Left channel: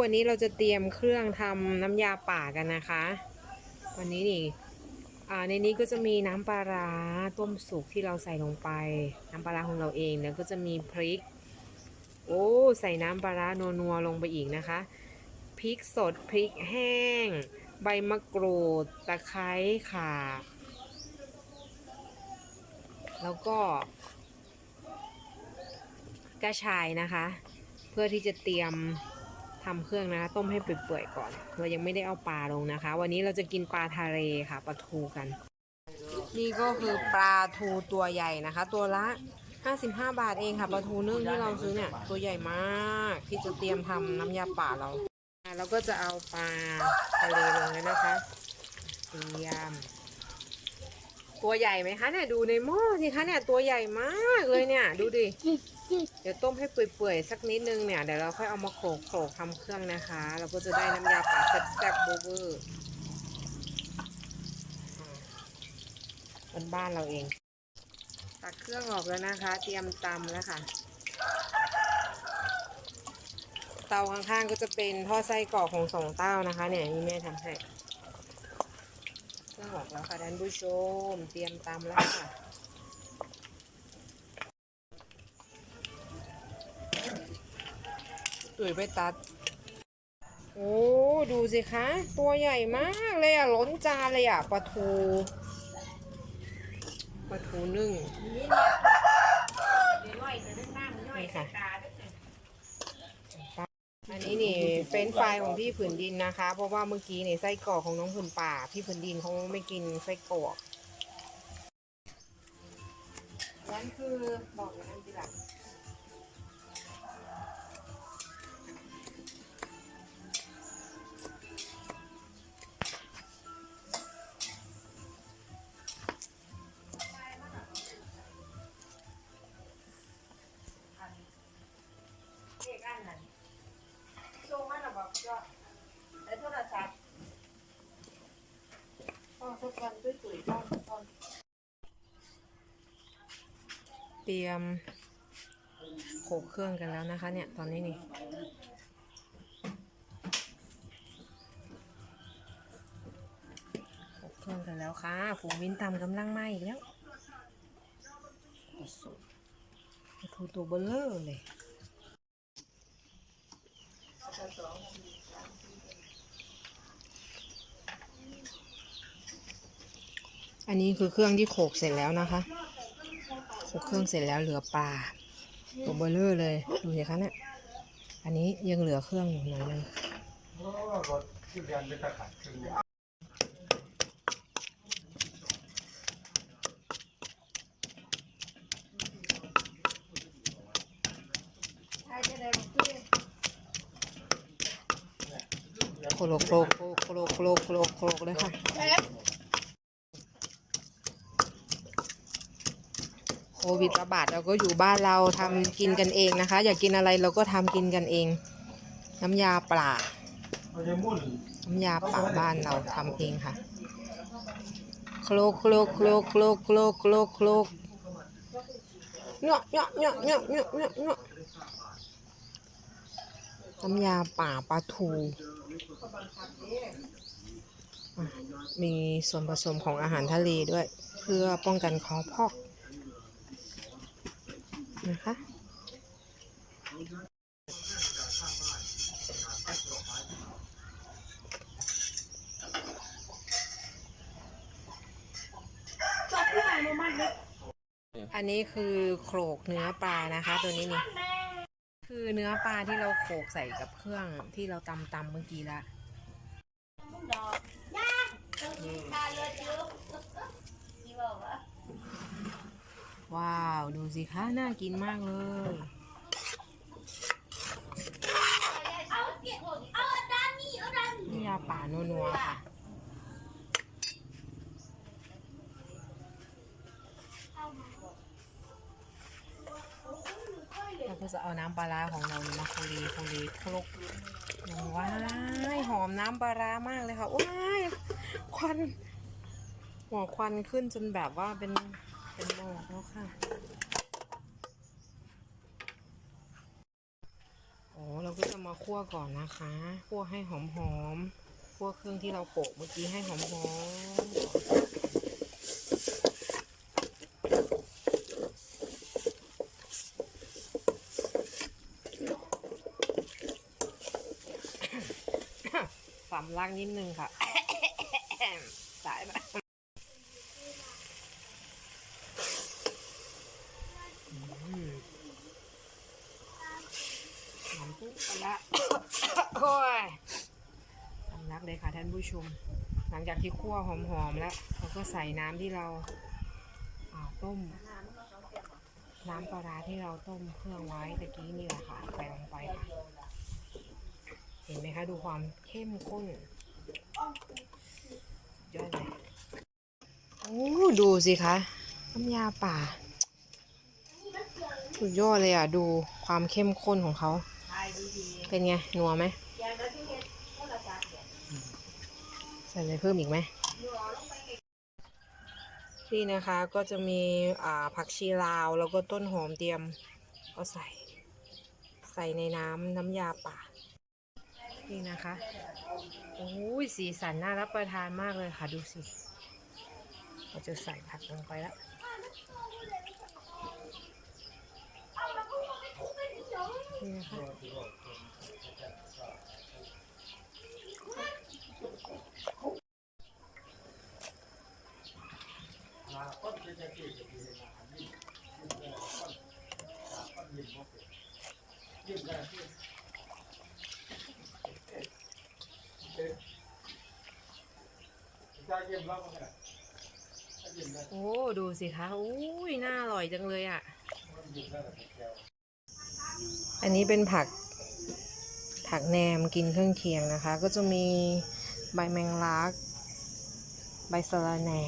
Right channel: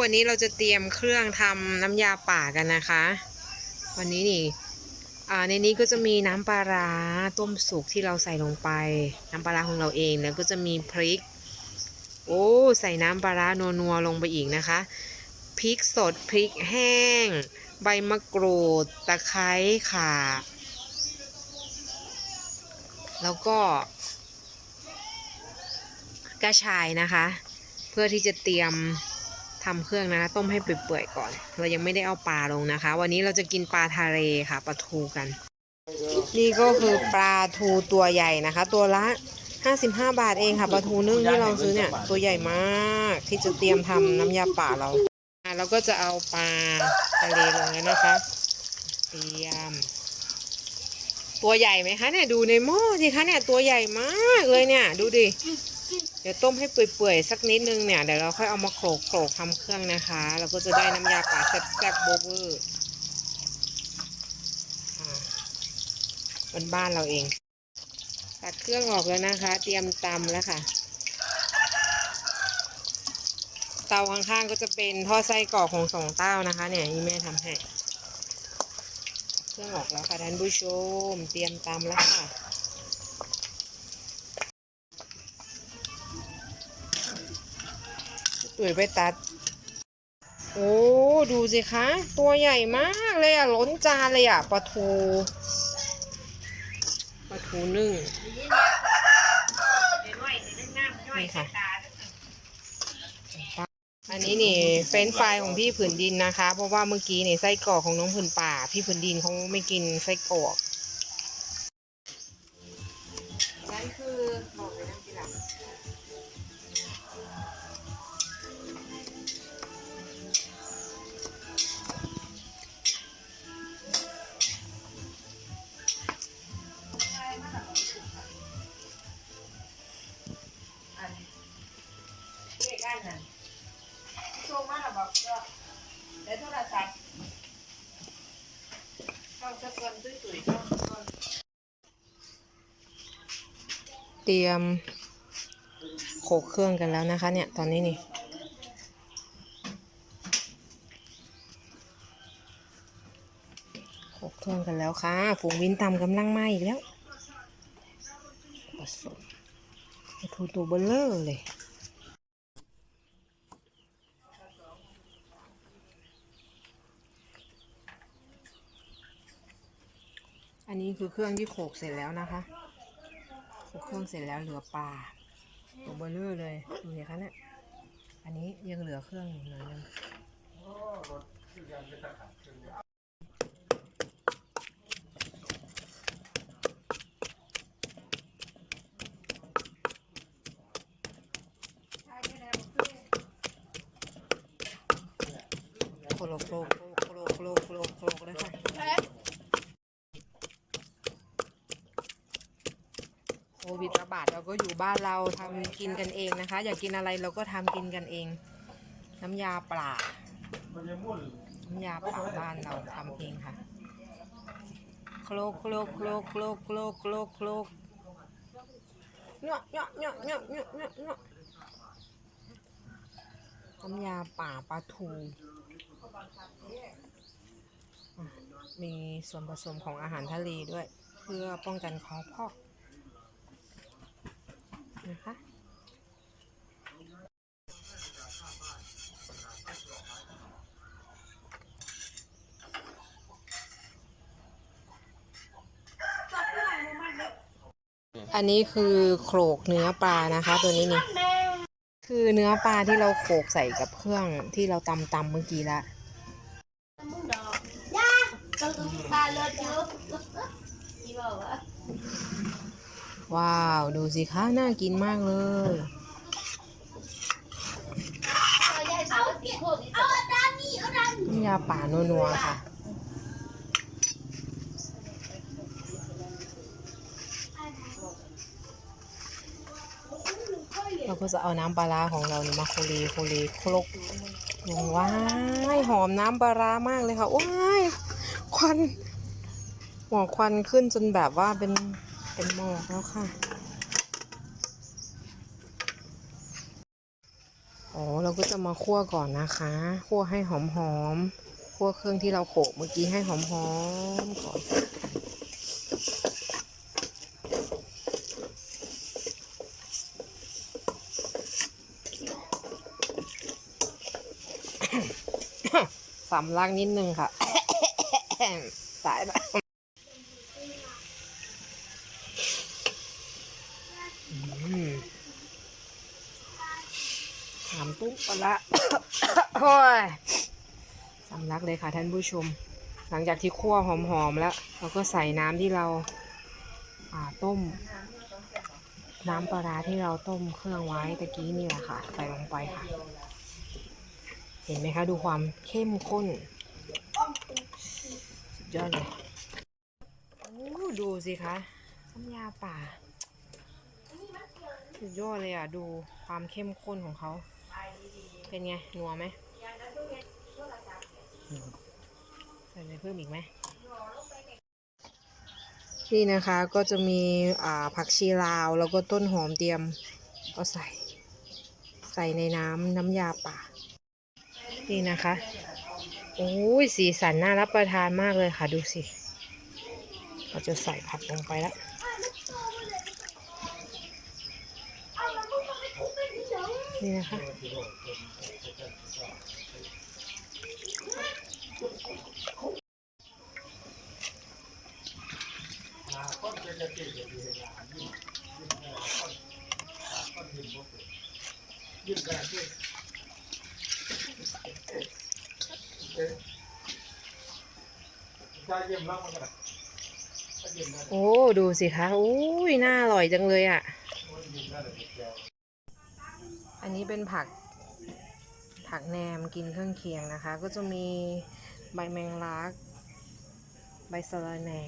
วันนี้เราจะเตรียมเครื่องทำน้ำยาป่ากันนะคะ วันนี้นี่ในนี้ก็จะมีน้ำปลาร้าต้มสุกที่เราใส่ลงไป น้ำปลาร้าของเราเองแล้วก็จะมีพริก โอ้ใส่น้ำปลาร้านัวๆลงไปอีกนะคะพริกสดพริกแห้ง ใบมะกรูดตะไคร้ข่าแล้วก็กระชายนะคะ เพื่อที่จะเตรียม ทำเครื่องนะต้มให้เปื่อยๆก่อน เรายังไม่ได้เอาปลาลงนะคะ วันนี้เราจะกินปลาทะเลค่ะปลาทูกัน นี่ก็คือปลาทูตัวใหญ่นะคะ ตัวละ 55 บาทเองค่ะปลาทูนึ่งที่เราซื้อเนี่ยตัวใหญ่มากที่จะเตรียมทำน้ำยาป่าเราเราก็จะเอาปลาทะเลลงแล้วนะคะ เตรียม ตัวใหญ่ไหมคะเนี่ยดูในหม้อสิคะเนี่ยตัวใหญ่มากเลยเนี่ย ดูดิเดี๋ยวต้มให้เปื่อยๆสักนิดนึงเนี่ยเดี๋ยวเราค่อยเอามาโขลกโขลกทำเครื่องนะคะ เราก็จะได้น้ำยาป่าแซ่บๆโบเวอร์อ่าบ้านเราเอง ตัดเครื่องออกแล้วนะคะ เตรียมตำแล้วค่ะ เตาข้างๆก็จะเป็นท่อไส้กรอกของสองเต้านะคะ เนี่ยนี่แม่ทำให้ รื่องออกแล้วค่ะท่านผู้ชม เตรียมตำแล้วค่ะตุ๋ยไปตัด โอ้ดูสิคะ ตัวใหญ่มากเลยอะล้นจานเลยอะปลาทูปลาทูนึ่งนี่ค่ะ อันนี้นี่ เฟรนช์ฟรายของพี่ผืนดินนะคะ เพราะว่าเมื่อกี้นี่ไส้กรอกของน้องผืนป่า พี่ผืนดินเขาไม่กินไส้กรอกนั่นคือบอกเลยนะทีหลัง เตรียมโขกเครื่องกันแล้วนะคะ เนี่ย ตอนนี้นี่โขกเครื่องกันแล้วค่ะฝูงวินตำกำลังไหม้อีกแล้วผสมทูตัวเบลเลอร์เลย อันนี้คือเครื่องที่โขกเสร็จแล้วนะคะโขกเครื่องเสร็จแล้วเหลือปลาตัวเบลเลอร์เลยดูสิคะเนี่ยอันนี้ยังเหลือเครื่องอยู่หน่อยนึงโคโลโคโลโคโลโคโลโคโลโคโลเลยค่ะ โควิดระบาดเราก็อยู่บ้านเราทำกินกันเองนะคะ อยากกินอะไรเราก็ทำกินกันเอง น้ำยาปลาน้ำยาป่าบ้านเราทำเองค่ะ โคลกโคลกโคลกโคลกโคลกโคลกโคลกเนาะเนาะเนาะเนาะเนาะเนาะเนาะน้ำยาป่าปลาทู มีส่วนผสมของอาหารทะเลด้วย เพื่อป้องกันคอพอก นะคะ อันนี้คือโขลกเนื้อปลานะคะตัวนี้นี่คือเนื้อปลาที่เราโขลกใส่กับเครื่องที่เราตำตำเมื่อกี้ละ ว้าว ดูสิคะน่ากินมากเลยน้ำยาป่านัวๆค่ะเราก็จะเอาน้ำปลาร้าของเรานี่มาโคลโคเลคลกว้ายหอมน้ำปลาร้ามากเลยค่ะว้ายควันหัวควันขึ้นจนแบบว่าเป็น เป็นหมอกแล้วค่ะ อ๋อ เราก็จะมาคั่วก่อนนะคะ คั่วให้หอมๆคั่วเครื่องที่เราโขลกเมื่อกี้ให้หอมๆก่อนสำลักนิดนึงค่ะ สายแบบอืม น้ำตุ๊กโอ้ยสำลักเลยค่ะท่านผู้ชม หลังจากที่คั่วหอมๆแล้ว เราก็ใส่น้ำที่เราต้ม น้ำปลาร้าที่เราต้มเครื่องไว้ตะกี้นี่แหละค่ะ ใส่ลงไปค่ะ เห็นไหมคะดูความเข้มข้นสุดยอดเลยโอ้ดูสิคะน้ำยาป่าสุดยอดเลยอะ ดูความเข้มข้นของเขา เป็นไง นัวไหมใส่อะไรเพิ่มอีกไหมนี่นะคะก็จะมีผักชีลาวแล้วก็ต้นหอมเตรียมก็ใส่ ใส่ในน้ำน้ำยาป่า นี่นะคะโอ้ยสีสันน่ารับประทานมากเลยค่ะดูสิ เราจะใส่ผักลงไปแล้ว นี่นะคะโอ้ ดูสิคะโอ้ยน่าอร่อยจังเลยอะ อันนี้เป็นผักผักแหนมกินเครื่องเคียงนะคะ ก็จะมีใบแมงลัก ใบสะระแหน่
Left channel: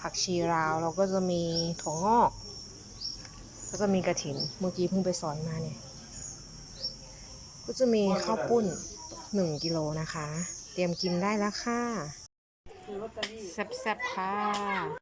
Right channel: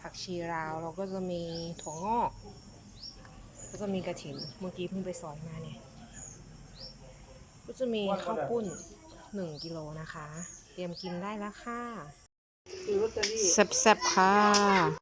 ผักชีราวแล้วก็จะมีถั่วงอก ก็จะมีกระถินเมื่อกี้เพิ่งไปสอนมาเนี่ย ก็จะมีข้าวปุ้นหนึ่งกิโลนะคะ เตรียมกินได้แล้วค่ะคือลอตเตอรี่แซ่บๆค่ะ